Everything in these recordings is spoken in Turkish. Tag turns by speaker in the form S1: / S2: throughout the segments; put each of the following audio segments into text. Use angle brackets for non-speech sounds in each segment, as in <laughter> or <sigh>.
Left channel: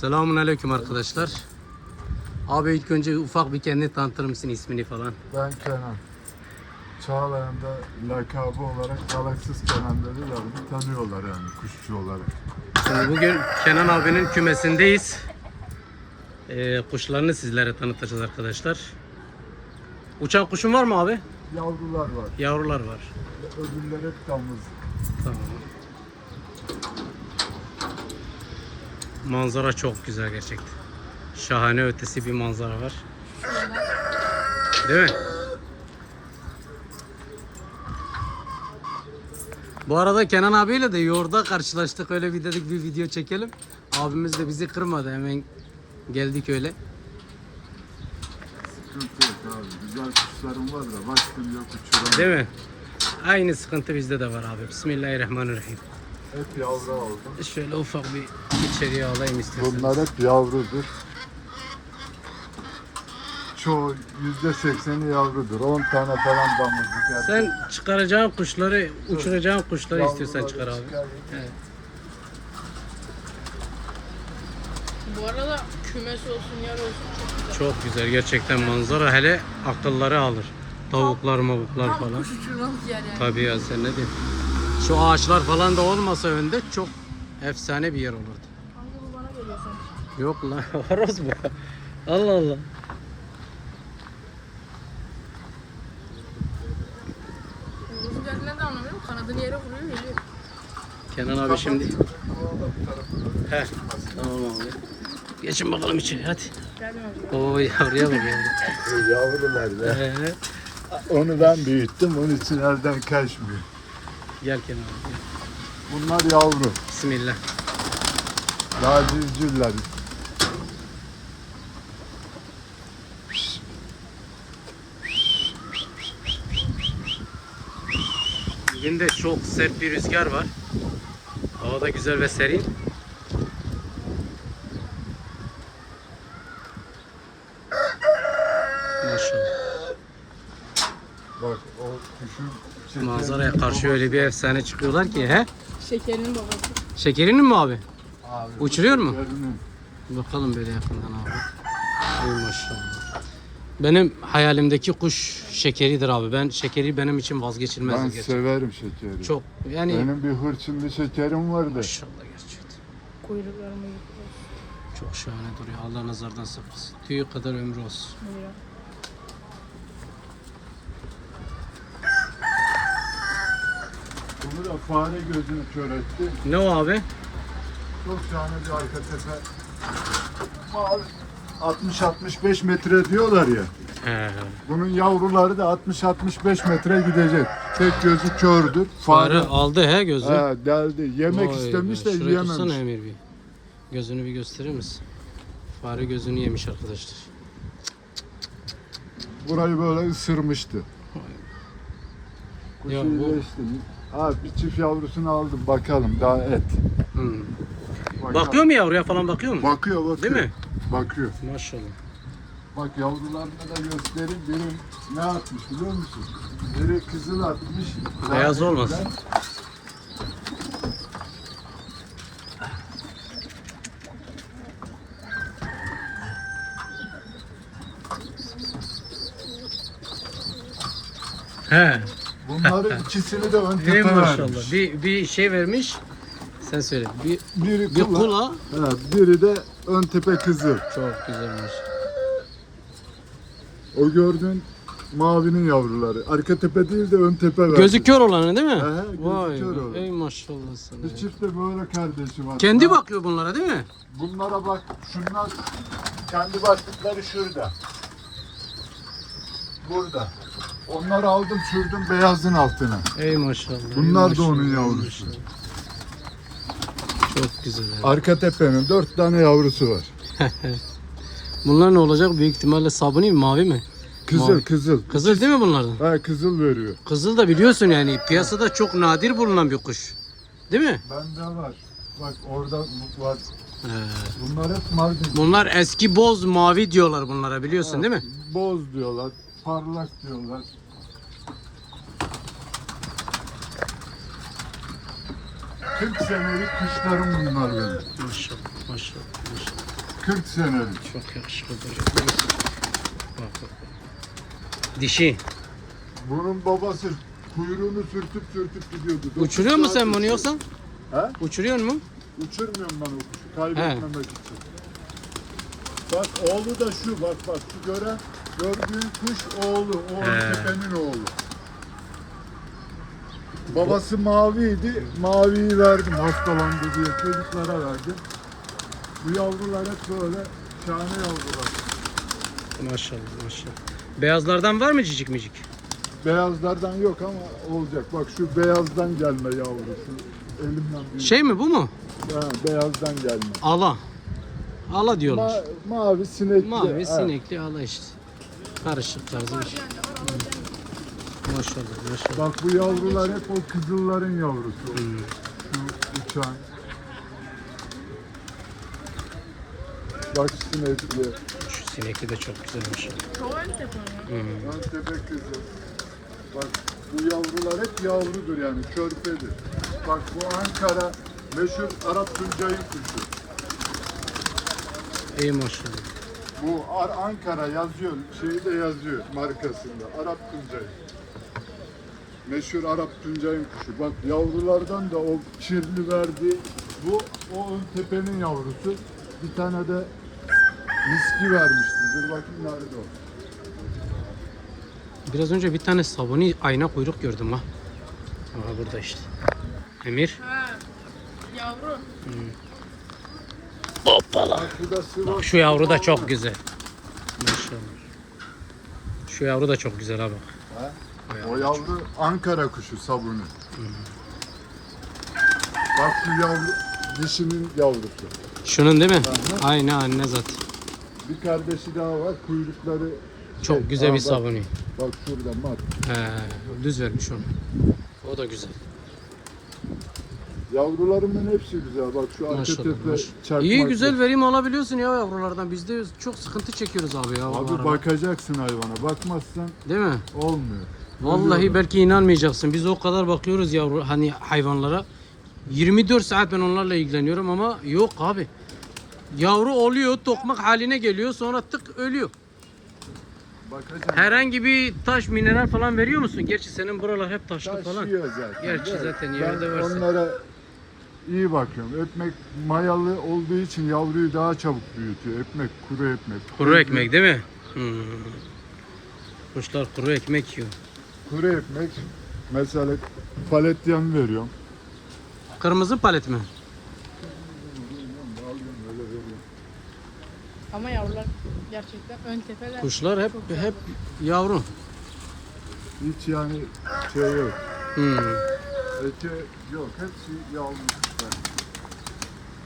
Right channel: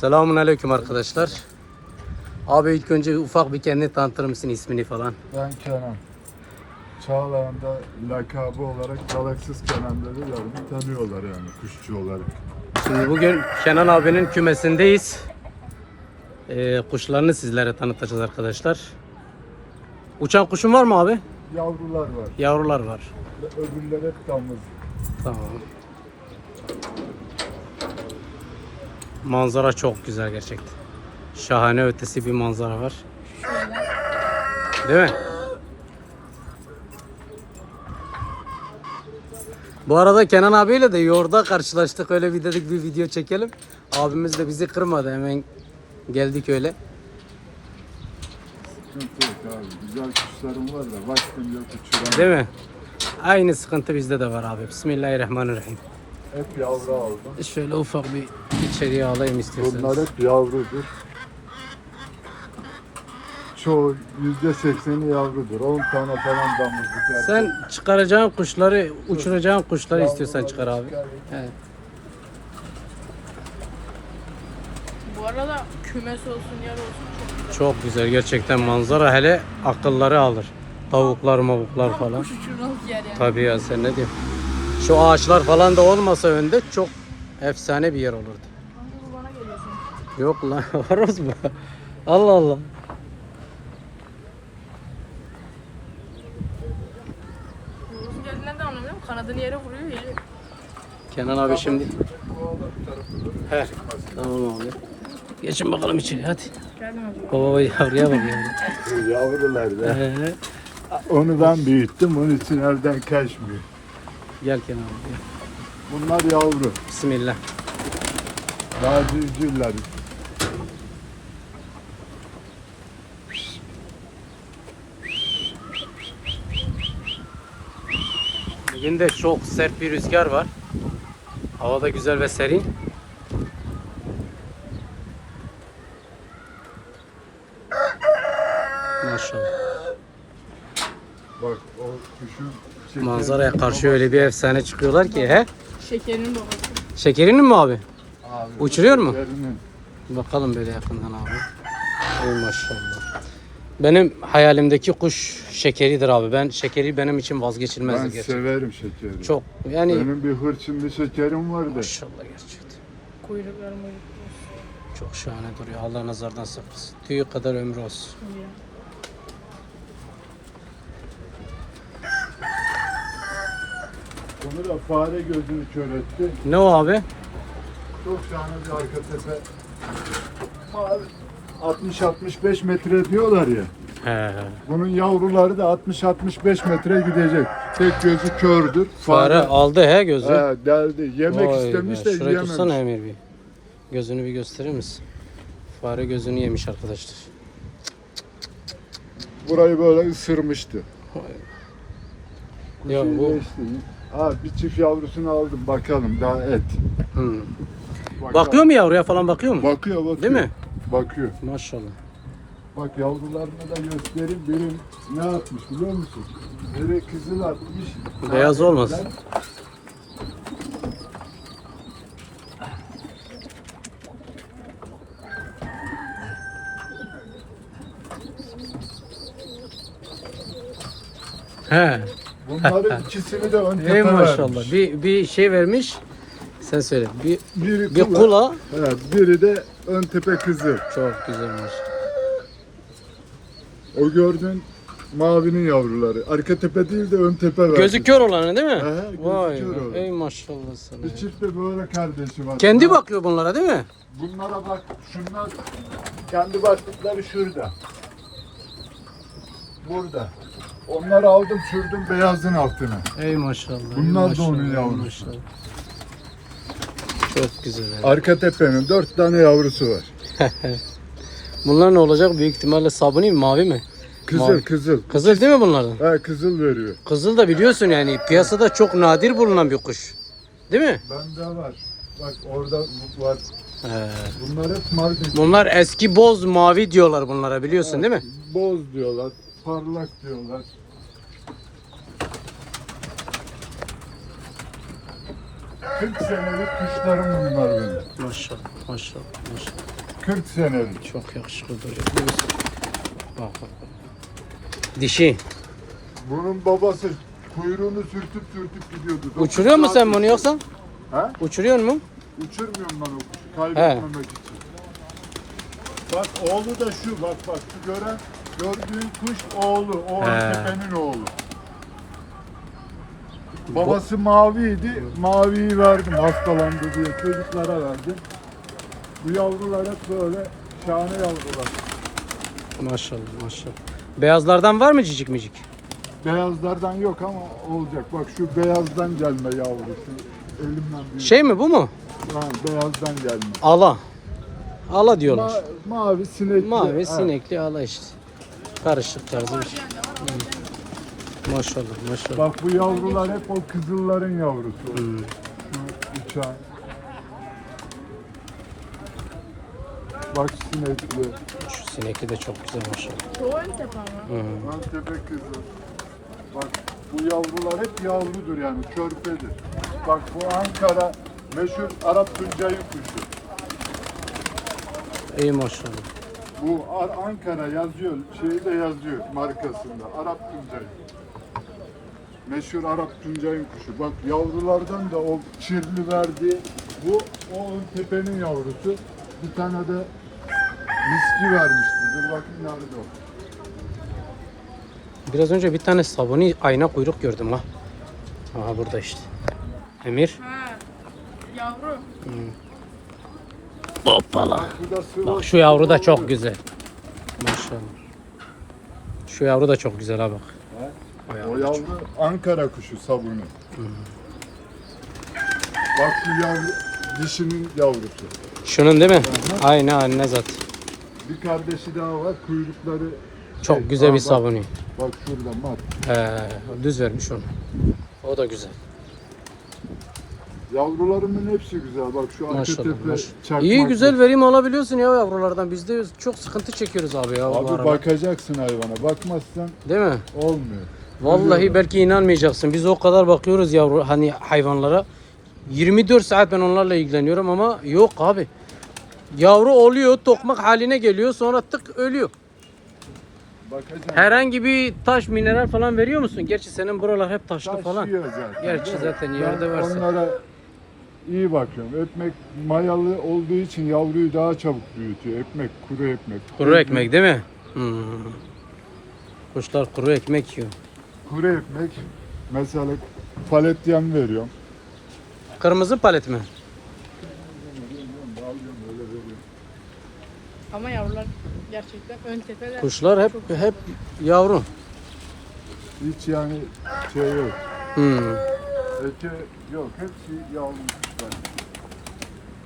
S1: Selamun aleyküm arkadaşlar. Abi ilk önce ufak bir kendini tanıtır mısın ismini falan?
S2: Ben Kenan. Çağlayan'da lakabı olarak Galaksız Kenan dediler. Tanıyorlar yani kuşçu olarak.
S1: Şimdi bugün Kenan abinin kümesindeyiz. Ee, kuşlarını sizlere tanıtacağız arkadaşlar. Uçan kuşun var mı abi?
S2: Yavrular var.
S1: Yavrular var.
S2: Öbürler hep damız.
S1: Tamam. Manzara çok güzel gerçekten. Şahane ötesi bir manzara var. Değil mi? Bu arada Kenan abiyle de yolda karşılaştık. Öyle bir dedik bir video çekelim. Abimiz de bizi kırmadı. Hemen geldik öyle.
S2: Sıkıntı yok abi. Güzel kuşlarım var da vaktim yok uçuramam.
S1: Değil mi? Aynı sıkıntı bizde de var abi. Bismillahirrahmanirrahim.
S2: Hep yavru aldım.
S1: Şöyle ufak bir içeriye alayım istiyorsanız.
S2: Bunlar hep yavrudur. Çoğu yüzde sekseni yavrudur. 10 tane falan damızlık erkek.
S1: Sen çıkaracağın kuşları, uçuracağın kuşları istiyorsan
S2: Yavruları
S1: çıkar abi.
S2: çıkarayım.
S1: Evet.
S3: Bu arada kümes olsun yer olsun.
S1: Çok güzel gerçekten manzara hele akılları alır. Tavuklar, mavuklar falan.
S3: Kuş uçurmalık yer yani.
S1: Tabii ya sen ne diyorsun? Şu ağaçlar falan da olmasa önde çok efsane bir yer olurdu.
S3: Kanka bu bana geliyorsun.
S1: Yok lan <laughs> horoz mu? Allah Allah.
S3: Üzerinden de anlamıyorum. Kanadını yere vuruyor.
S1: Kenan abi şimdi.
S2: Da
S1: He. Tamam abi. Geçin bakalım içeri hadi. Oo yavruya bak yavru.
S2: Yavrular be.
S1: Ee,
S2: Onu ben büyüttüm. Onun için elden kaçmıyor.
S1: Gel Kenan abi.
S2: Bunlar yavru.
S1: Bismillah.
S2: Daha cüzcüller.
S1: Bugün de çok sert bir rüzgar var. Hava da güzel ve serin. Maşallah.
S2: Bak o kuşun
S1: Manzaraya karşı öyle bir efsane çıkıyorlar ki he?
S3: Şekerinin babası.
S1: Şekerinin mi abi?
S2: Abi,
S1: Uçuruyor mu? Bakalım böyle yakından abi. Ey maşallah. Benim hayalimdeki kuş şekeridir abi. Ben şekeri benim için vazgeçilmez.
S2: Ben
S1: gerçekten.
S2: severim şekeri.
S1: Çok yani
S2: Benim bir hırçın şekerim vardı.
S1: maşallah gerçekten.
S3: Kuyruklarımı
S1: Çok şahane duruyor. Allah nazardan saklasın. Tüyü kadar ömrü olsun.
S3: yıkıyor.
S2: Onu da fare gözünü kör etti.
S1: Ne o abi?
S2: Çok şahane bir arka tepe. Mavi 60-65 metre diyorlar ya.
S1: He.
S2: Bunun yavruları da 60-65 metre gidecek. Tek gözü kördür.
S1: Fare aldı he gözü.
S2: He, deldi. Yemek
S1: Vay
S2: istemiş
S1: be,
S2: de
S1: tutsana
S2: yiyememiş.
S1: Emir bir. Gözünü bir gösterir misin? Fare gözünü yemiş arkadaşlar.
S2: Burayı böyle ısırmıştı.
S1: Ya
S2: Kuş
S1: bu-
S2: iyileşti. Ha, bir çift yavrusunu aldım bakalım daha et. Bakalım.
S1: Bakıyor mu yavruya falan bakıyor mu?
S2: Bakıyor bakıyor.
S1: Değil mi?
S2: Bakıyor.
S1: Maşallah.
S2: Bak yavrularını da göstereyim. Biri ne atmış biliyor musun? Biri kızıl atmış.
S1: Beyaz olmasın. He.
S2: Bunların <laughs> ikisini de ön
S1: Ey
S2: tepe
S1: maşallah.
S2: vermiş.
S1: Bir, bir şey vermiş. Sen söyle. Bir,
S2: Biri
S1: bir
S2: kula,
S1: kula.
S2: Evet, biri de ön tepe kızıl.
S1: Çok güzelmiş.
S2: O gördüğün mavinin yavruları. Arka tepe değil de ön tepe vermiş.
S1: Gözü kör olanı değil mi?
S2: Gözü
S1: Vay
S2: kör olan.
S1: Ey maşallah sana.
S2: Bir çift de böyle kardeşi var.
S1: Kendi bakıyor bunlara değil mi?
S2: Bunlara bak. Şunlar kendi başlıkları şurada. Burada. Onları aldım sürdüm beyazın altına.
S1: Ey maşallah. ey
S2: Bunlar da onun
S1: maşallah, ey
S2: yavrusu.
S1: Çok güzel. abi.
S2: Arka tepenin dört tane yavrusu var. <laughs>
S1: Bunlar ne olacak? Büyük ihtimalle sabuni mi, mavi mi?
S2: Kızıl
S1: Mavi.
S2: kızıl.
S1: Kızıl değil mi bunların?
S2: Ha kızıl veriyor.
S1: Kızıl da biliyorsun yani piyasada çok nadir bulunan bir kuş. Değil mi?
S2: Bende var. Bak orada var.
S1: He.
S2: Bunlar hep Mardin.
S1: Bunlar eski boz mavi diyorlar bunlara biliyorsun değil mi?
S2: Boz diyorlar. Parlak diyorlar. 40 senelik kuşlarım bunlar benim.
S1: Maşallah maşallah maşallah.
S2: 40 senelik.
S1: Çok yakışıklı duruyor. Bak bak bak. Dişi.
S2: Bunun babası kuyruğunu sürtüp sürtüp gidiyordu.
S1: Uçuruyor mu sen bunu yoksa?
S2: Ha?
S1: Uçuruyor mu?
S2: Uçurmuyorum ben o kuşu. Kaybetmemek için. Bak oğlu da şu bak bak şu gören gördüğün kuş oğlu. O
S1: He.
S2: tepenin oğlu. Babası maviydi. Maviyi verdim hastalandı diye çocuklara verdim. Bu yavrular hep böyle şahane yavrular.
S1: Maşallah maşallah. Beyazlardan var mı cicik micik?
S2: Beyazlardan yok ama olacak. Bak şu beyazdan gelme yavrusu. Ölümden büyük.
S1: Şey mi bu mu?
S2: Ha, beyazdan gelme.
S1: Ala. Ala diyorlar.
S2: Ma- mavi sinekli.
S1: Mavi
S2: ha.
S1: sinekli ala işte. Karışık tarzı bir şey. Hı. Maşallah maşallah.
S2: Bak bu yavrular hep o kızılların yavrusu.
S1: Hmm.
S2: Şu uçan. Bak sinekli.
S1: Şu sinekli de çok güzel maşallah.
S3: Çoğu ön tepe ama.
S1: Hı.
S2: Lan köpek kızı. Bak bu yavrular hep yavrudur yani körpedir. Bak bu Ankara meşhur Arap Tuncay'ın kuşu.
S1: İyi maşallah.
S2: Bu Ar- Ankara yazıyor, şeyi de yazıyor markasında. Arap Tuncay. Meşhur Arap Tuncay'ın kuşu. Bak yavrulardan da o çirli verdi. Bu o ön tepenin yavrusu. Bir tane de miski vermişti. Dur bakayım nerede o.
S1: Biraz önce bir tane sabuni ayna kuyruk gördüm ha. Aha burada işte. Emir.
S3: Ha. Yavru.
S1: Hoppala.
S2: Sıvı.
S1: Bak şu yavru da çok güzel. Maşallah. Şu yavru da çok güzel ha bak.
S2: Ha?
S1: O
S2: O
S1: yavru.
S2: yavru Ankara kuşu sabunu. Bak şu yavru dişinin yavrusu.
S1: Şunun değil mi? Aynı anne zaten.
S2: Bir kardeşi daha var. Kuyrukları
S1: Çok
S2: Şey,
S1: güzel bir
S2: bak,
S1: sabuni.
S2: Bak şurada mat.
S1: He, düz vermiş onu. O da güzel.
S2: Yavrularımın hepsi güzel. Bak şu
S1: Maşallah. maşallah. İyi güzel verim alabiliyorsun ya yavrulardan. Biz de çok sıkıntı çekiyoruz abi ya.
S2: Abi
S1: aralar.
S2: bakacaksın hayvana. Bakmazsan
S1: Değil mi?
S2: olmuyor.
S1: Vallahi
S2: Ölüyorlar.
S1: belki inanmayacaksın. Biz o kadar bakıyoruz yavru hani hayvanlara. 24 saat ben onlarla ilgileniyorum ama yok abi. Yavru oluyor, tokmak haline geliyor, sonra tık ölüyor.
S2: Bakacaksın.
S1: Herhangi bir taş, mineral falan veriyor musun? Gerçi senin buralar hep taşlı
S2: Taş
S1: falan.
S2: yiyor zaten.
S1: Gerçi zaten yerde varsa.
S2: Onlara iyi bakıyorum. Ekmek mayalı olduğu için yavruyu daha çabuk büyütüyor. Ekmek, kuru ekmek.
S1: Kuru ekmek değil mi? Hmm. Kuşlar kuru ekmek yiyor.
S2: Kuru ekmek mesela palet yem veriyorum.
S1: Kırmızı palet mi?
S3: Ama yavrular gerçekten ön tepeler.
S1: Kuşlar hep hep yavru.
S2: Hiç yani şey yok.
S1: Hmm.
S2: Ete yok. Hepsi yavru kuşlar.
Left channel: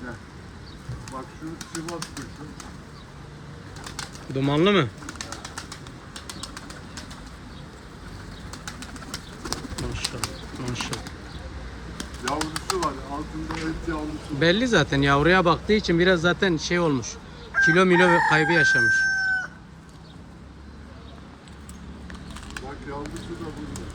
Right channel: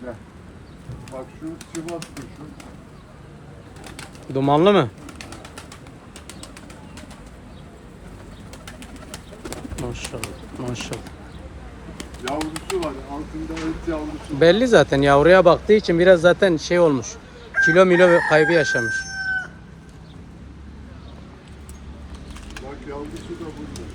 S2: Gel. Bak şu Sivas kuşu.
S1: Dumanlı mı? Maşallah, maşallah.
S2: Yavrusu var. Altında et yavrusu.
S1: Belli zaten yavruya baktığı için biraz zaten şey olmuş. Kilo milo kaybı yaşamış.
S2: Bak yavrusu da burada.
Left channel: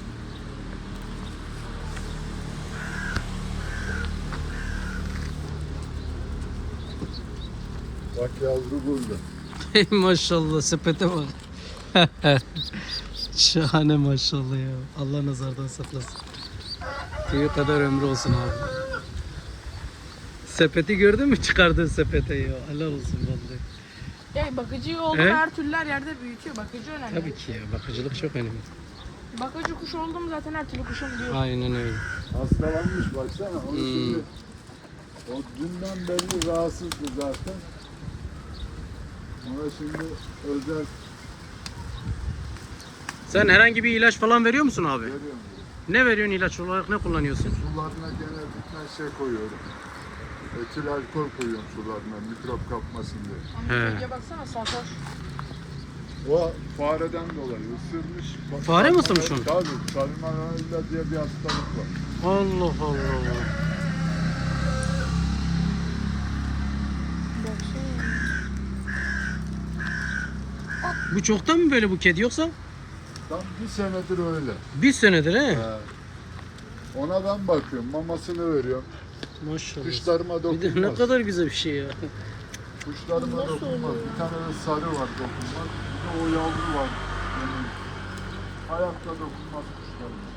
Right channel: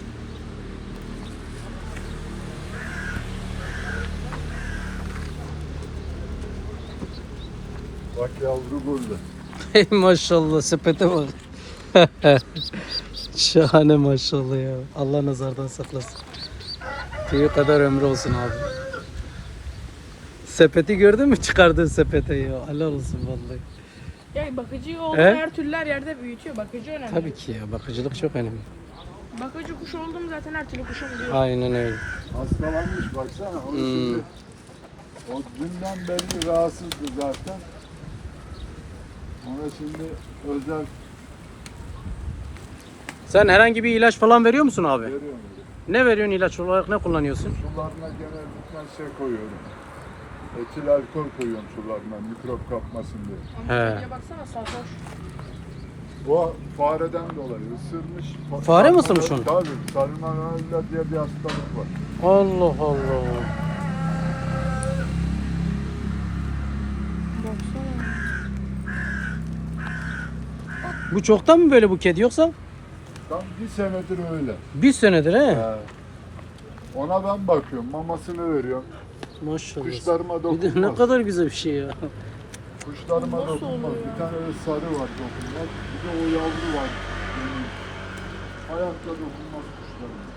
S2: Bak yavru burada.
S1: maşallah sepete bak. <laughs> Şahane maşallah ya. Allah nazardan saklasın. Tüyü kadar ömrü olsun abi. Sepeti gördün mü çıkardığın sepete ya. Allah olsun vallahi.
S3: Yani bakıcı olduğu
S1: He?
S3: her türlü her yerde büyütüyor. Bakıcı önemli.
S1: Tabii ki ya bakıcılık çok önemli.
S3: Bakıcı kuş oldum zaten her türlü kuşu buluyor.
S1: Aynen öyle.
S2: Hastalanmış baksana. O,
S1: Hmm.
S2: şimdi, o dünden beri rahatsızdı zaten. Ona şimdi özel
S1: Sen herhangi bir ilaç falan veriyor musun abi?
S2: veriyorum.
S1: Ne veriyorsun ilaç olarak ne kullanıyorsun?
S2: Sularına gene birkaç şey koyuyorum. Etil alkol koyuyorum sularına mikrop kapmasın diye.
S3: Ama
S1: He.
S3: iyice baksana sarhoş.
S2: O fareden dolayı ısırmış.
S1: Fare mi ısırmış onu?
S2: Tabii. Salmonella diye bir hastalık var.
S1: Allah Allah. Bu çoktan mı böyle bu kedi yoksa?
S2: Tam bir senedir öyle.
S1: Bir senedir he.
S2: He. Ona ben bakıyorum. Mamasını veriyorum.
S1: Maşallah.
S2: Kuşlarıma
S1: Bir de ne
S2: dokunmaz.
S1: kadar güzel bir şey ya.
S2: Kuşlarıma dokunmaz. Bir tane de sarı var dokunmaz. Bir de o yavru var. Ayakta dokunmaz kuşlarıma.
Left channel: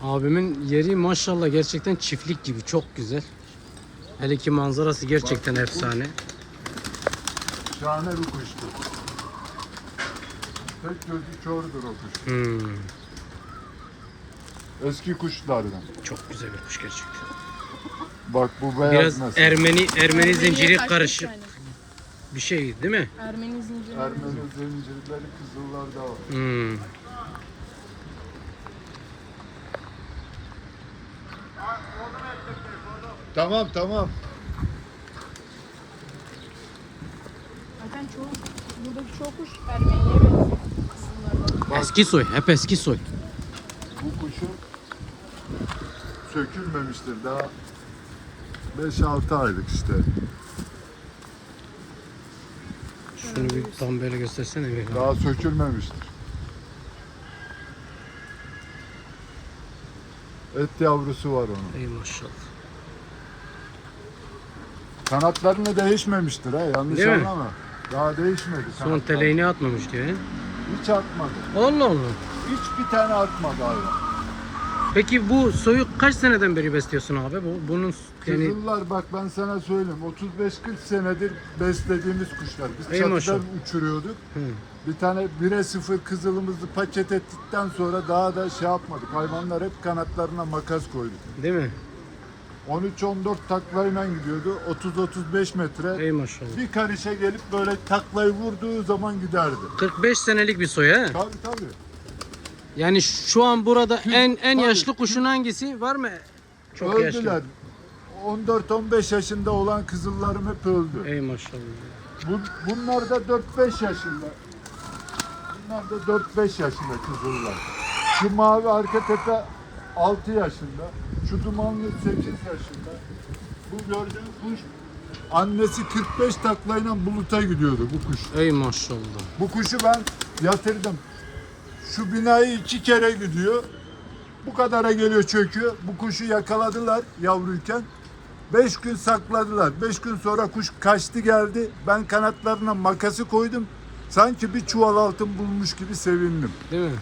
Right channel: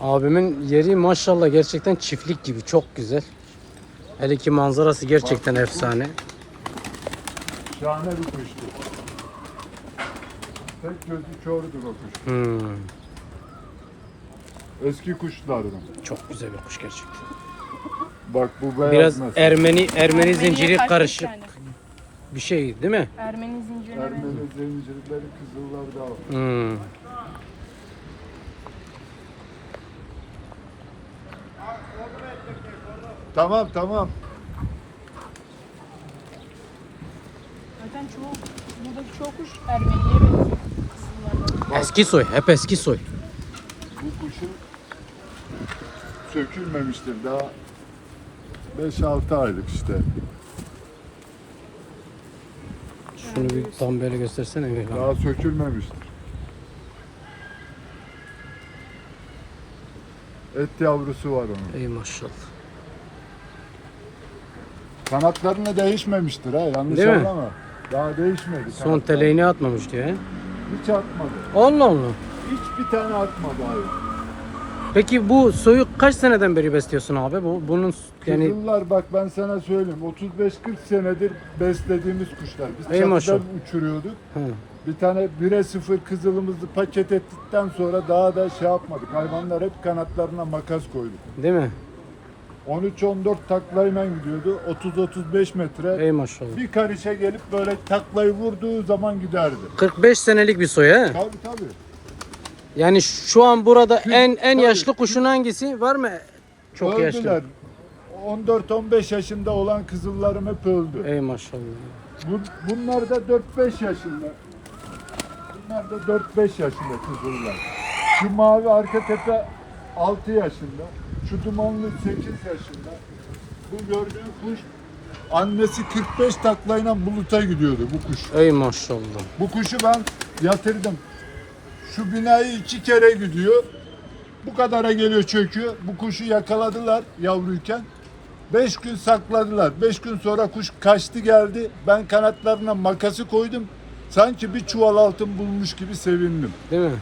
S1: Abimin yeri maşallah gerçekten çiftlik gibi çok güzel. Hele ki manzarası gerçekten efsane.
S2: Şahane bir kuştur. Tek gözü kördür o kuş.
S1: Hmm,
S2: Eski kuşlardan.
S1: çok güzel bir kuş gerçekten.
S2: Bak bu beyaz
S1: Biraz
S2: mesela.
S1: Ermeni Ermeni zinciri karışık bir şey değil mi?
S3: Ermeni zinciri.
S2: Ermeni zincirleri kızıllarda var.
S1: Hmm.
S2: Tamam tamam.
S3: Zaten çoğu, buradaki çoğu kuş Ermeniye benziyor.
S1: Eski soy, hep eski soy.
S2: Bu kuşu sökülmemiştir daha 5-6 aylık işte.
S1: Şunu bir tam böyle göstersene Emir abi.
S2: Daha sökülmemiştir. Et yavrusu var onun.
S1: Ey maşallah.
S2: Kanatlarını değişmemiştir ha yanlış
S1: Değil mi?
S2: anlama. Daha değişmedi.
S1: Son
S2: kanatlar.
S1: teleğini atmamış diyor he.
S2: Hiç atmadı.
S1: Allah Allah.
S2: Hiçbir tane atmadı abi.
S1: Peki bu soyu kaç seneden beri besliyorsun abi? Bu bunun yani
S2: Kızıllar bak ben sana söyleyeyim 35-40 senedir beslediğimiz kuşlar. Biz
S1: Ey
S2: çatıdan
S1: maşallah.
S2: uçuruyorduk.
S1: Hı.
S2: Bir tane 1'e 0 kızılımızı paket ettikten sonra daha da şey yapmadık. Hayvanlar hep kanatlarına makas koyduk.
S1: değil mi?
S2: 13-14 taklayla gidiyordu. 30-35 metre.
S1: Ey maşallah.
S2: Bir karışa gelip böyle taklayı vurduğu zaman giderdi.
S1: 45 senelik bir soy he.
S2: Tabii tabii.
S1: Yani şu an burada en en
S2: tabii.
S1: yaşlı kuşun hangisi? Var mı? Çok
S2: Öldüler.
S1: yaşlı.
S2: 14-15 yaşında olan kızıllarım hep öldü.
S1: Ey maşallah.
S2: Bu, bunlar da 4-5 yaşında. Bunlar da 4-5 yaşında kızıllar. Şu mavi arka tepe 6 yaşında. Şu dumanlı 8 yaşında. Bu gördüğün kuş annesi 45 taklayla buluta gidiyordu bu kuş.
S1: Ey maşallah.
S2: Bu kuşu ben yatırdım. Şu binayı iki kere gidiyor. Bu kadara geliyor çöküyor. Bu kuşu yakaladılar yavruyken. Beş gün sakladılar. Beş gün sonra kuş kaçtı geldi. Ben kanatlarına makası koydum. Sanki bir çuval altın bulmuş gibi sevindim.
S1: Değil mi?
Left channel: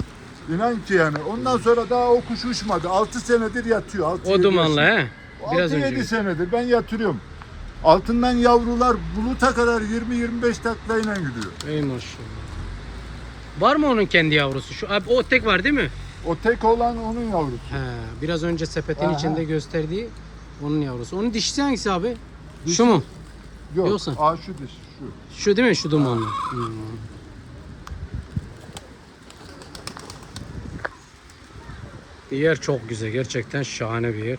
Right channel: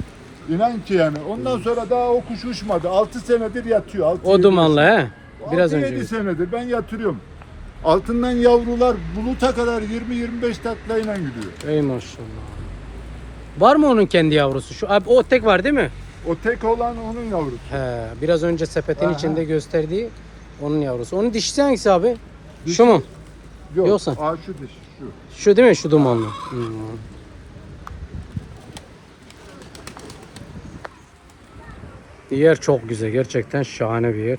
S2: İnan ki yani. Ondan sonra daha o kuş uçmadı. 6 senedir yatıyor. Altı,
S1: O
S2: yedi
S1: dumanlı he. Biraz
S2: 6-7
S1: önce.
S2: senedir ben yatırıyorum. Altından yavrular buluta kadar 20-25 taklayla gidiyor.
S1: Ey maşallah. Var mı onun kendi yavrusu? Şu abi o tek var değil mi?
S2: O tek olan onun yavrusu.
S1: He, biraz önce sepetin
S2: Aha.
S1: içinde gösterdiği onun yavrusu. Onun dişisi hangisi abi? Şu mu?
S2: Yok.
S1: Yoksa?
S2: Aa şu dişi şu.
S1: Şu değil mi? Şu dumanlı. Hmm. Yer çok güzel. Gerçekten şahane bir yer.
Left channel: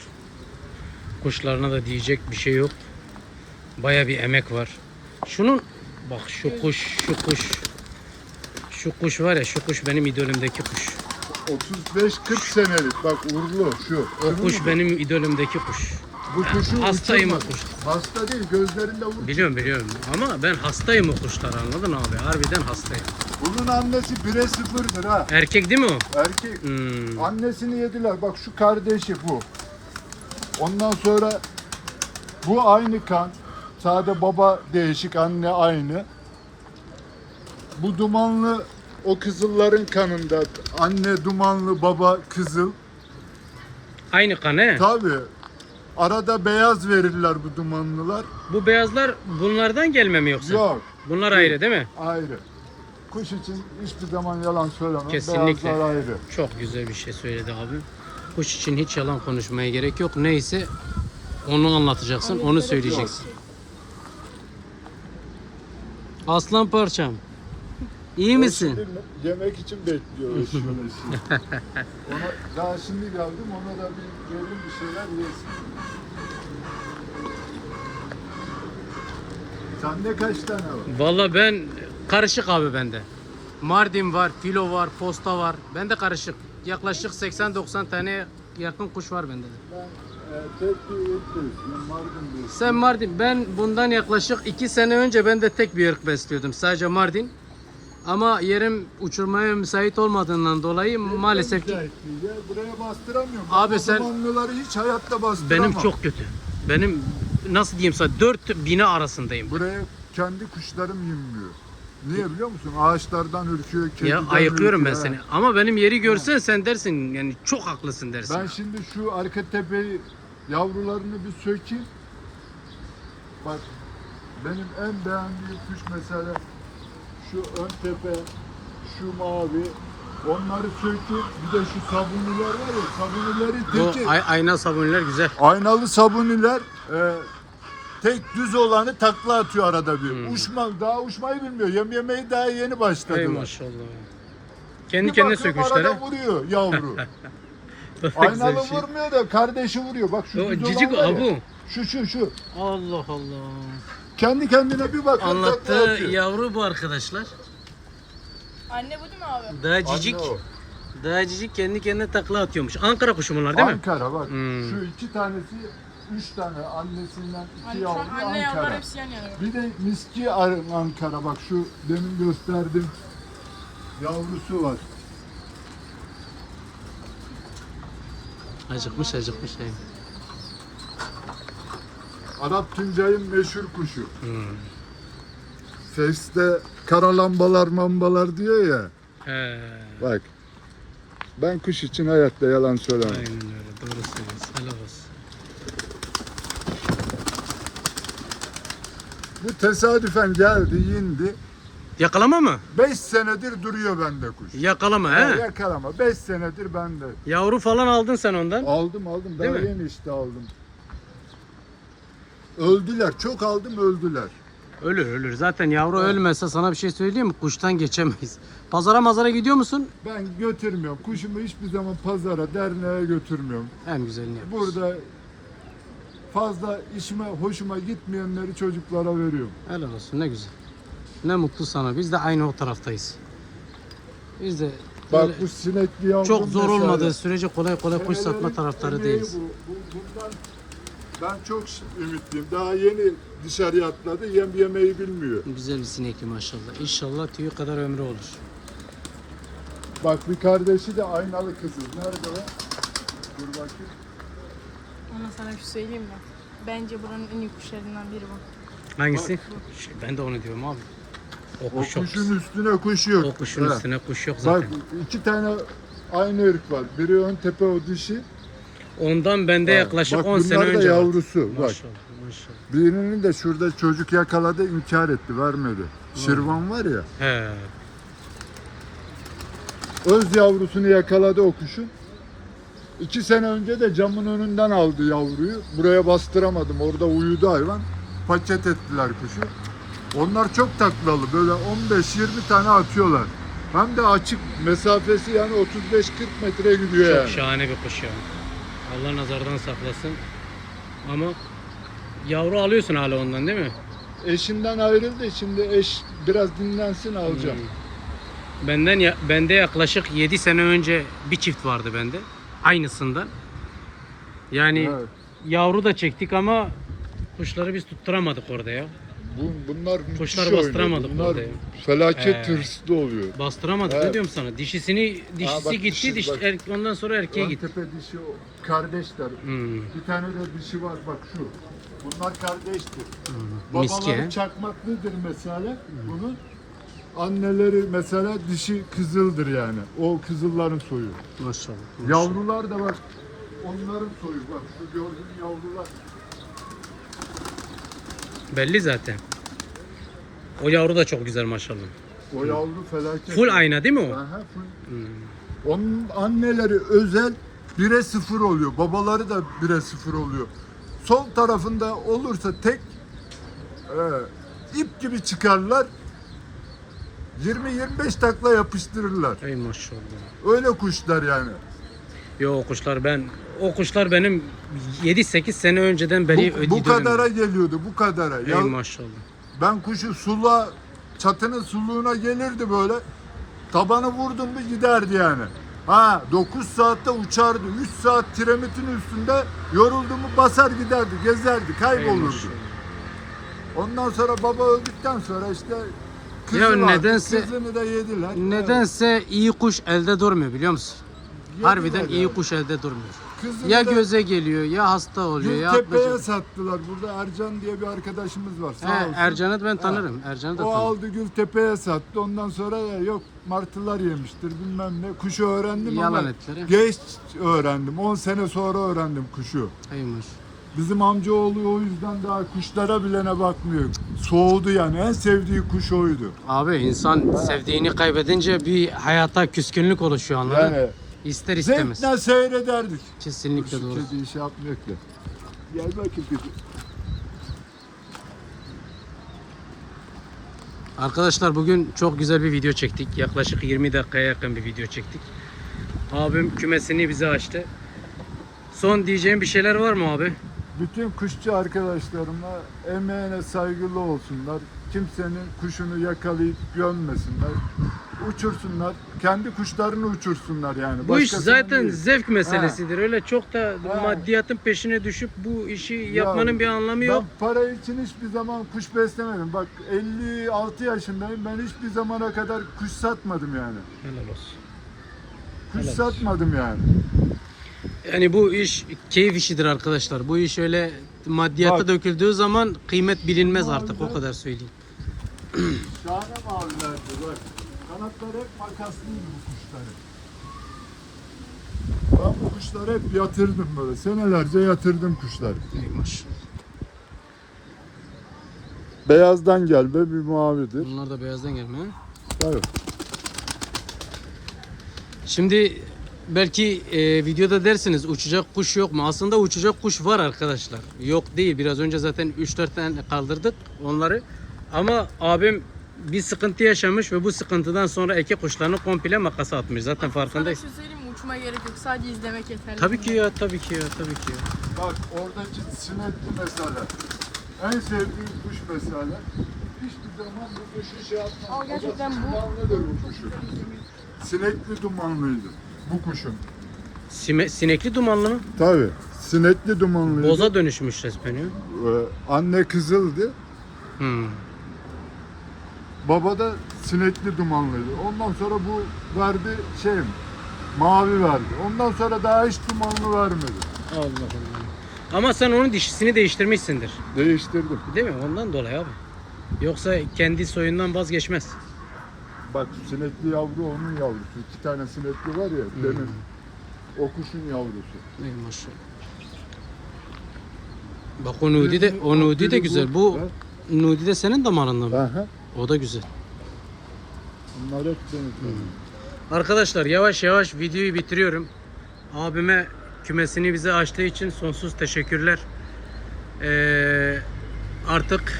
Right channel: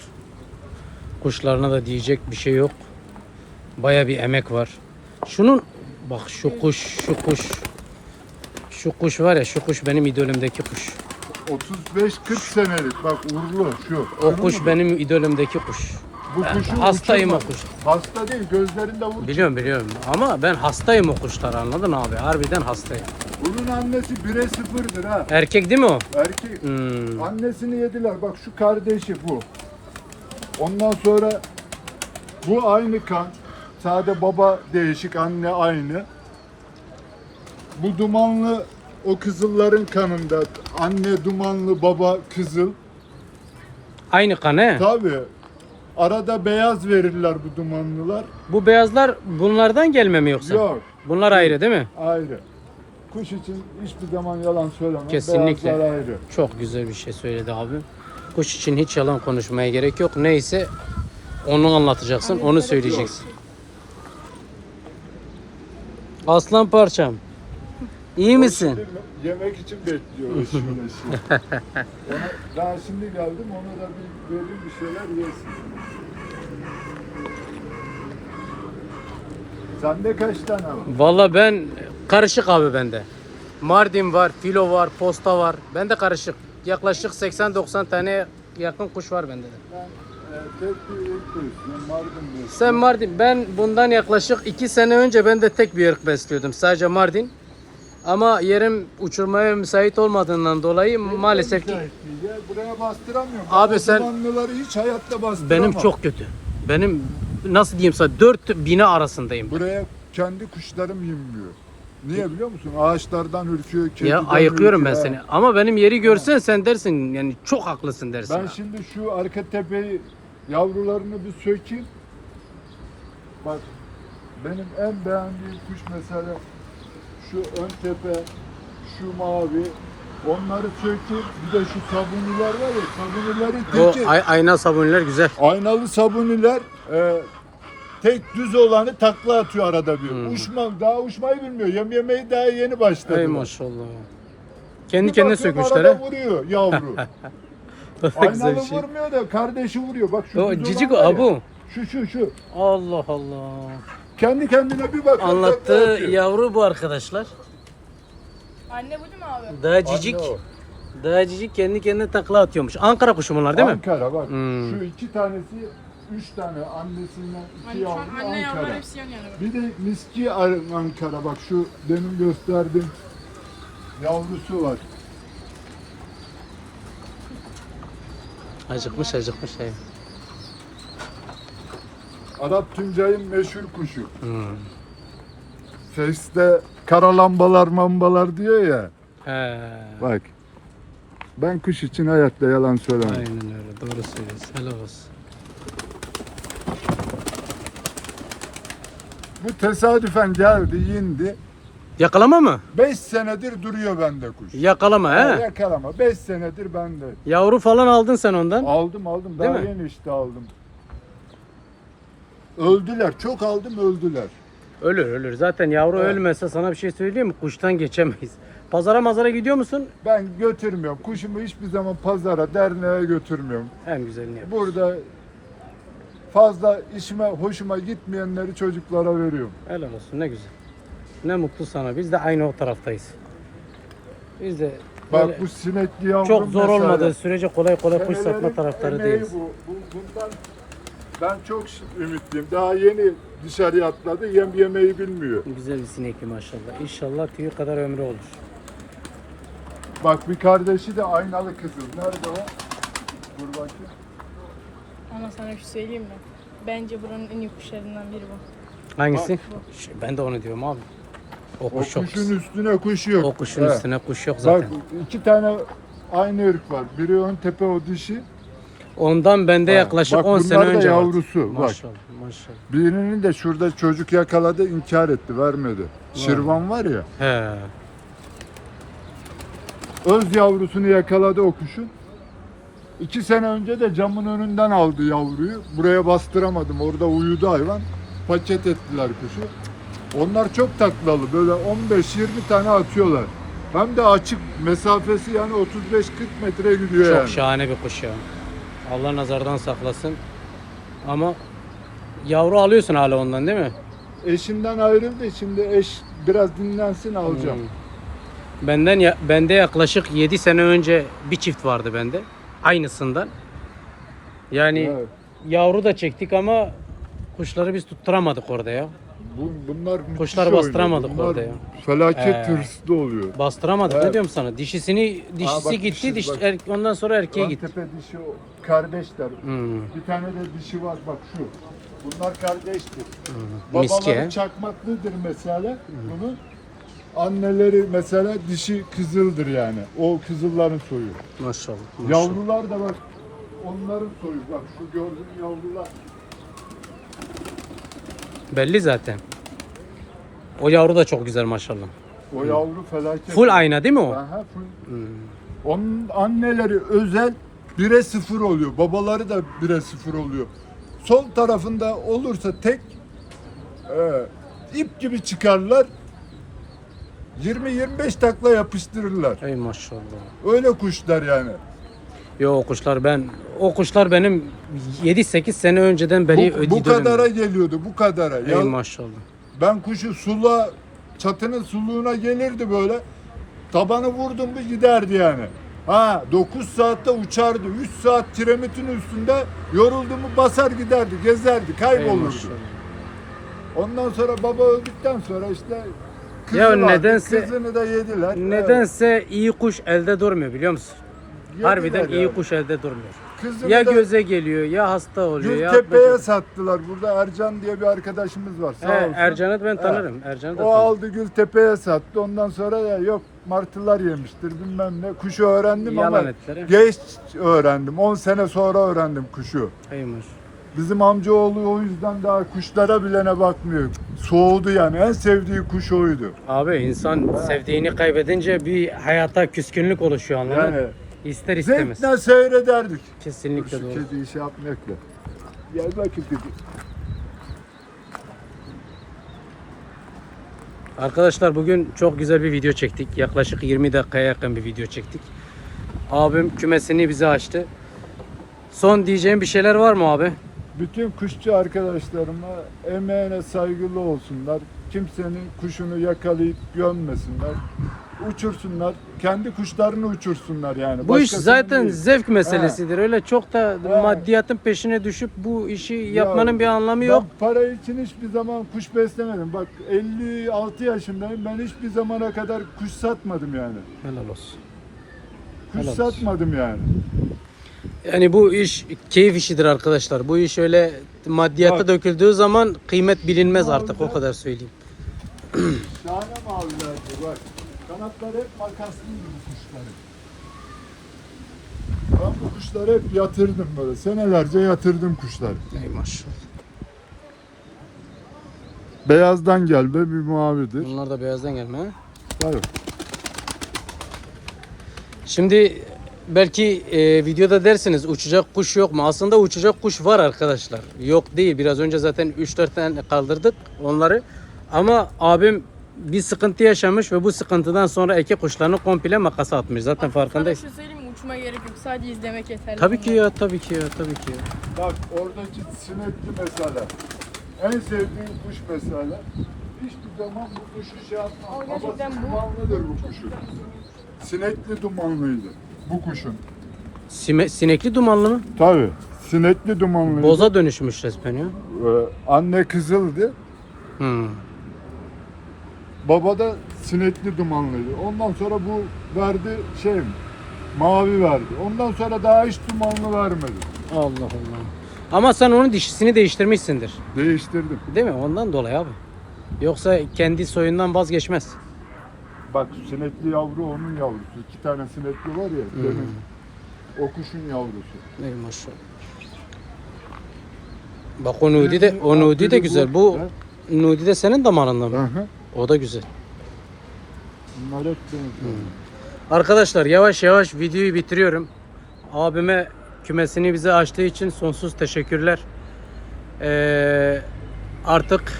S1: Kuşlarına da diyecek bir şey yok. Baya bir emek var. Şunun bak şu kuş, şu kuş. Şu kuş var ya şu kuş benim idolümdeki kuş.
S2: 35-40 senelik bak uğurlu şu.
S1: O kuş benim idolümdeki kuş.
S2: Bu kuşu
S1: hastayım o
S2: uçurma.
S1: kuş.
S2: Hasta değil gözlerinde vur.
S1: Biliyorum biliyorum ama ben hastayım o kuşlara anladın abi. Harbiden hastayım.
S2: Bunun annesi 1'e 0'dır ha.
S1: Erkek değil mi o?
S2: Erkek.
S1: Hmm.
S2: Annesini yediler. Bak şu kardeşi bu. Ondan sonra bu aynı kan. Sade baba değişik, anne aynı. Bu dumanlı o kızılların kanında. Anne dumanlı, baba kızıl.
S1: Aynı kan he.
S2: Tabii. Arada beyaz verirler bu dumanlılar.
S1: Bu beyazlar bunlardan gelme mi yoksa?
S2: Yok.
S1: Bunlar ayrı değil mi?
S2: Ayrı. Kuş için hiçbir zaman yalan söylemem.
S1: Kesinlikle.
S2: Beyazlar ayrı.
S1: Çok güzel bir şey söyledi abi. Kuş için hiç yalan konuşmaya gerek yok. Neyse onu anlatacaksın, onu söyleyeceksin. Aslan parçam. İyi misin?
S2: Şimdi yemek için bekliyoruz şöyle şimdi. Ona, daha şimdi geldim ona da bir verin bir şeyler yesin. Sende kaç tane var?
S1: Valla ben karışık abi bende. Mardin var, filo var, posta var. Bende karışık. Yaklaşık 80-90 tane yakın kuş var bende de.
S2: Ben e.
S1: Sen Mardin, ben bundan yaklaşık 2 sene önce ben de tek bir ırk besliyordum. Sadece Mardin. Ama yerim uçurmaya müsait olmadığından dolayı maalesef ki
S2: ya. Buraya bastıramıyorum.
S1: Abi
S2: Abi
S1: sen-
S2: hiç hayatta bastıramam.
S1: benim çok kötü. Benim nasıl diyeyim sana dört bine arasındayım.
S2: Buraya kendi kuşlarım yemiyor. Niye biliyor musun? Ağaçlardan ürküyor,
S1: Ya
S2: kediden
S1: ayıklıyorum ben
S2: ürküyor.
S1: seni. Ama benim yeri görsen sen dersin yani çok haklısın dersin.
S2: Ben şimdi şu arka tepeyi yavrularını bir sökeyim. Bak benim en beğendiğim kuş mesela şu ön tepe, şu mavi. Onları sökeyim. Bir de şu sabuniler var ya, sabunilerin
S1: o
S2: teki.
S1: ay- ayna sabunlar güzel.
S2: Aynalı sabuniler e, tek düz olanı takla atıyor arada bir.
S1: Hmm.
S2: Uçma, daha uçmayı bilmiyor. Yem yemeyi daha yeni başladı.
S1: Ey maşallah. Kendi
S2: Bir
S1: kendine
S2: bakıyorum
S1: sökmüşler
S2: arada
S1: ha.
S2: vuruyor yavru. <laughs>
S1: Güzel
S2: Aynalı
S1: bir şey.
S2: vurmuyor da kardeşi vuruyor. Bak şu
S1: O
S2: düz
S1: cicik
S2: olan var ya,
S1: abu.
S2: Şu şu şu.
S1: Allah Allah.
S2: Kendi kendine bir takla
S1: Anlattığı
S2: atıyor.
S1: yavru bu arkadaşlar.
S3: Anne bu değil mi abi?
S1: Daha
S2: Anne
S1: cicik.
S2: o.
S1: Daha cicik kendi kendine takla atıyormuş. Ankara kuşu bunlar değil mi?
S2: Ankara bak.
S1: Hmm.
S2: Şu iki tanesi, üç tane annesinden iki
S3: Hani şu an
S2: yavru
S3: anne yavrular
S2: Ankara.
S3: hepsi yan yana.
S2: Bir de miski Ar- Ankara bak şu demin gösterdim yavrusu var.
S1: Acıkmış acıkmış. Şey.
S2: Arap Tuncay'ın meşhur kuşu.
S1: Hmm.
S2: Seste kara lambalar mambalar diyor ya.
S1: He.
S2: Bak. Ben kuş için hayatta yalan söylemem.
S1: Aynen öyle. Doğru söylüyorsun. Helal olsun.
S2: Bu tesadüfen geldi, indi.
S1: Yakalama mı?
S2: 5 senedir duruyor bende kuş.
S1: Yakalama
S2: Ha,
S1: he.
S2: Yakalama. 5 senedir bende.
S1: Yavru falan aldın sen ondan.
S2: Aldım aldım.
S1: Değil
S2: Daha
S1: mi?
S2: yeni işte aldım. Öldüler. Çok aldım öldüler.
S1: Ölür ölür. Zaten yavru
S2: Evet.
S1: ölmese sana bir şey söyleyeyim mi? Kuştan geçemeyiz. Pazara mazara gidiyor musun?
S2: Ben götürmüyorum. Kuşumu hiçbir zaman pazara, derneğe götürmüyorum.
S1: En güzelini yapıyorsun.
S2: Burada fazla işime, hoşuma gitmeyenleri çocuklara veriyorum.
S1: Helal olsun ne güzel. Ne mutlu sana. Biz de aynı o taraftayız. Biz de
S2: Bak
S1: böyle
S2: bu sinekli yavrum
S1: çok zor
S2: mesela.
S1: olmadığı sürece kolay kolay kuş satma taraftarı değiliz.
S2: Bu. Bu, bundan ben çok ümitliyim. Daha yeni dışarıya atladı. Yem yemeyi bilmiyor.
S1: Güzel bir sinekli maşallah. İnşallah tüyü kadar ömrü olur.
S2: Bak bir kardeşi de aynalı kızıl. Nerede o? Dur bakayım.
S3: Ama sana bir şey söyleyeyim mi? Bence buranın en iyi kuşlarından biri bu.
S1: Hangisi? Şey, ben de onu diyorum abi. O
S2: O
S1: kuş yok.
S2: kuşun üstüne kuş yok.
S1: O kuşun
S2: He.
S1: üstüne kuş yok
S2: Bak
S1: zaten.
S2: iki tane aynı ırk var. Biri ön tepe o dişi.
S1: Ondan bende yaklaşık
S2: bak
S1: 10 sene
S2: bunlar da
S1: önce var.
S2: yavrusu, bak.
S1: Maşallah maşallah.
S2: Birinin de şurada çocuk yakaladı inkar etti vermedi. Şirvan var ya.
S1: He.
S2: Öz yavrusunu yakaladı o kuşun. İki sene önce de camın önünden aldı yavruyu. Buraya bastıramadım. Orada uyudu hayvan. Paket ettiler kuşu. Onlar çok taklalı. Böyle 15-20 tane atıyorlar. Hem de açık mesafesi yani 35-40 metre gidiyor
S1: Çok
S2: yani.
S1: şahane bir kuş ya. Allah nazardan saklasın. Ama yavru alıyorsun hala ondan değil mi?
S2: Eşinden ayrıldı. Şimdi eş biraz dinlensin alacağım.
S1: Hmm. Benden ya, bende yaklaşık 7 sene önce bir çift vardı bende. Aynısından. Yani
S2: Evet.
S1: yavru da çektik ama kuşları biz tutturamadık orada ya.
S2: Bu, bunlar oynuyor.
S1: bastıramadık
S2: Bunlar
S1: orada ya.
S2: Felaket
S1: Ee.
S2: tırslı oluyor.
S1: Bastıramadık
S2: Evet.
S1: ne diyorum sana? Dişisini dişisi
S2: bak
S1: gitti,
S2: dişi,
S1: diş,
S2: bak.
S1: er- ondan sonra erkeğe gitti.
S2: Antep'e dişi o kardeşler.
S1: Hmm.
S2: Bir tane de dişi var bak şu. Bunlar kardeştir.
S1: Hmm.
S2: Babaları
S1: he.
S2: çakmaklıdır mesela bunun. Anneleri mesela dişi kızıldır yani. O kızılların soyu.
S1: Maşallah.
S2: Yavrular da bak onların soyu. Bak şu gördüğün yavrular.
S1: Belli zaten. O yavru da çok güzel maşallah.
S2: O yavru felaket.
S1: Full ayna değil mi o?
S2: Aha, full.
S1: Hmm.
S2: Onun anneleri özel 1'e 0 oluyor. Babaları da 1'e 0 oluyor. Sol tarafında olursa tek e, ip gibi çıkarlar. 20-25 takla yapıştırırlar.
S1: Ey maşallah.
S2: Öyle kuşlar yani.
S1: Yo o kuşlar ben o kuşlar benim 7-8 sene önceden beri
S2: Bu, bu kadara geliyordu bu kadara.
S1: Ey
S2: Ya,
S1: maşallah.
S2: Ben kuşu sula çatının suluğuna gelirdi böyle. Tabanı vurdum mu giderdi yani. Ha 9 saatte uçardı. 3 saat tiremitin üstünde yoruldu mu basar giderdi, gezerdi, kaybolurdu.
S1: maşallah.
S2: Ondan sonra baba öldükten sonra işte kızı
S1: Ya
S2: vardı,
S1: nedense-
S2: Kızını da yediler.
S1: Nedense iyi kuş elde durmuyor biliyor musun?
S2: Evet,
S1: Harbiden
S2: yediler
S1: iyi kuş elde durmuyor.
S2: Kızını
S1: Ya
S2: da
S1: göze geliyor ya hasta oluyor ya
S2: Gültepe'ye
S1: atmaca-
S2: sattılar. Burada Ercan diye bir arkadaşımız var. Sağ
S1: He,
S2: olsun.
S1: Ercan'ı ben tanırım. Ercan'ı da
S2: O
S1: tanırım.
S2: aldı Gültepe'ye sattı. Ondan sonra da yok martılar yemiştir bilmem ne. Kuşu öğrendim
S1: Yalan
S2: ama
S1: ettiler, he.
S2: geç öğrendim. 10 sene sonra öğrendim kuşu.
S1: Eymiş.
S2: Bizim amcaoğlu o yüzden daha kuşlara bilene bakmıyor. Soğudu yani. En sevdiği kuş oydu.
S1: Abi insan sevdiğini kaybedince bir hayata küskünlük oluşuyor anladın?
S2: Yani
S1: İster istemez.
S2: zevkle seyrederdik.
S1: Kesinlikle doğru.
S2: Dediği şey yapmakla. Gel bakayım kızım.
S1: Arkadaşlar bugün çok güzel bir video çektik. Yaklaşık 20 dakikaya yakın bir video çektik. Abim kümesini bize açtı. Son diyeceğim bir şeyler var mı abi?
S2: Bütün kuşçu arkadaşlarıma emeğine saygılı olsunlar. Kimsenin kuşunu yakalayıp gömmesinler. Uçursunlar. Kendi kuşlarını uçursunlar yani.
S1: Bu iş
S2: Başkasının
S1: zaten
S2: değil.
S1: zevk meselesidir. Öyle çok da
S2: He.
S1: maddiyatın peşine düşüp bu işi
S2: Ya,
S1: yapmanın bir anlamı yok.
S2: Ben para için hiçbir zaman kuş beslemedim. Bak 56 yaşındayım. Ben hiçbir zamana kadar kuş satmadım yani.
S1: Helal olsun.
S2: Kuş
S1: Helal olsun.
S2: satmadım yani.
S1: Yani bu iş keyif işidir arkadaşlar. Bu iş öyle maddiyata
S2: Bak.
S1: döküldüğü zaman kıymet bilinmez artık o kadar söyleyeyim. <clears throat>
S2: Şahane mavilerdi bak. Kanatları hep makaslıydı bu kuşları. Ben bu kuşları hep yatırdım böyle. Senelerce yatırdım kuşları.
S1: Ey maşallah.
S2: Beyazdan gelme bir mavidir.
S1: Bunlar da beyazdan gelme ha?
S2: Tabii.
S1: Şimdi belki e, videoda dersiniz uçacak kuş yok mu? Aslında uçacak kuş var arkadaşlar. Yok değil. Biraz önce zaten 3-4 tane kaldırdık onları. Ama abim bir sıkıntı yaşamış ve bu sıkıntıdan sonra eke kuşlarını komple makasa atmış. Zaten farkındayız.
S3: Sana şey söyleyeyim mi? Uçma gerek yok. Sadece izlemek yeterli.
S1: Tabii ki ya, tabii ki ya, tabii ki ya.
S2: Bak oradaki sinekli mesela. En sevdiğim kuş mesela. Hiçbir zaman bu kuşu şey yapmam.
S3: Ama gerçekten bu-
S2: Dumanlıdır bu kuşun. Sinekli dumanlıydı bu kuşun.
S1: Sime- sinekli dumanlı mı?
S2: Tabii. Sinekli dumanlıydı.
S1: Boza dönüşmüş resmen ya.
S2: Ee, anne kızıldı.
S1: Hmm.
S2: Baba da sinekli dumanlıydı. Ondan sonra bu verdi şey mavi verdi. Ondan sonra daha hiç dumanlı vermedi.
S1: Allah Allah. Ama sen onun dişisini değiştirmişsindir.
S2: Değiştirdim.
S1: Değil mi? Ondan dolayı abi. Yoksa kendi soyundan vazgeçmez.
S2: Bak sinekli yavru onun yavrusu. İki tane sinekli var ya
S1: Hmm.
S2: benim. O kuşun yavrusu.
S1: Ey maşallah. Bak o Nudi de, o Nudi de güzel. Bu Nudi de senin damarından mı? O da güzel.
S2: Bunlar hep benziyor.
S1: Arkadaşlar yavaş yavaş videoyu bitiriyorum. Abime kümesini bize açtığı için sonsuz teşekkürler. Ee, artık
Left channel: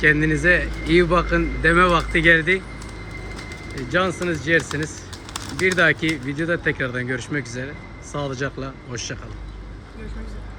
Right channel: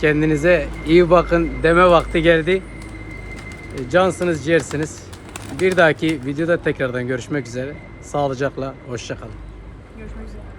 S1: kendinize iyi bakın deme vakti geldi. E, Cansınız ciğersiniz. Bir dahaki videoda tekrardan görüşmek üzere. Sağlıcakla, hoşçakalın.
S3: Görüşmek üzere.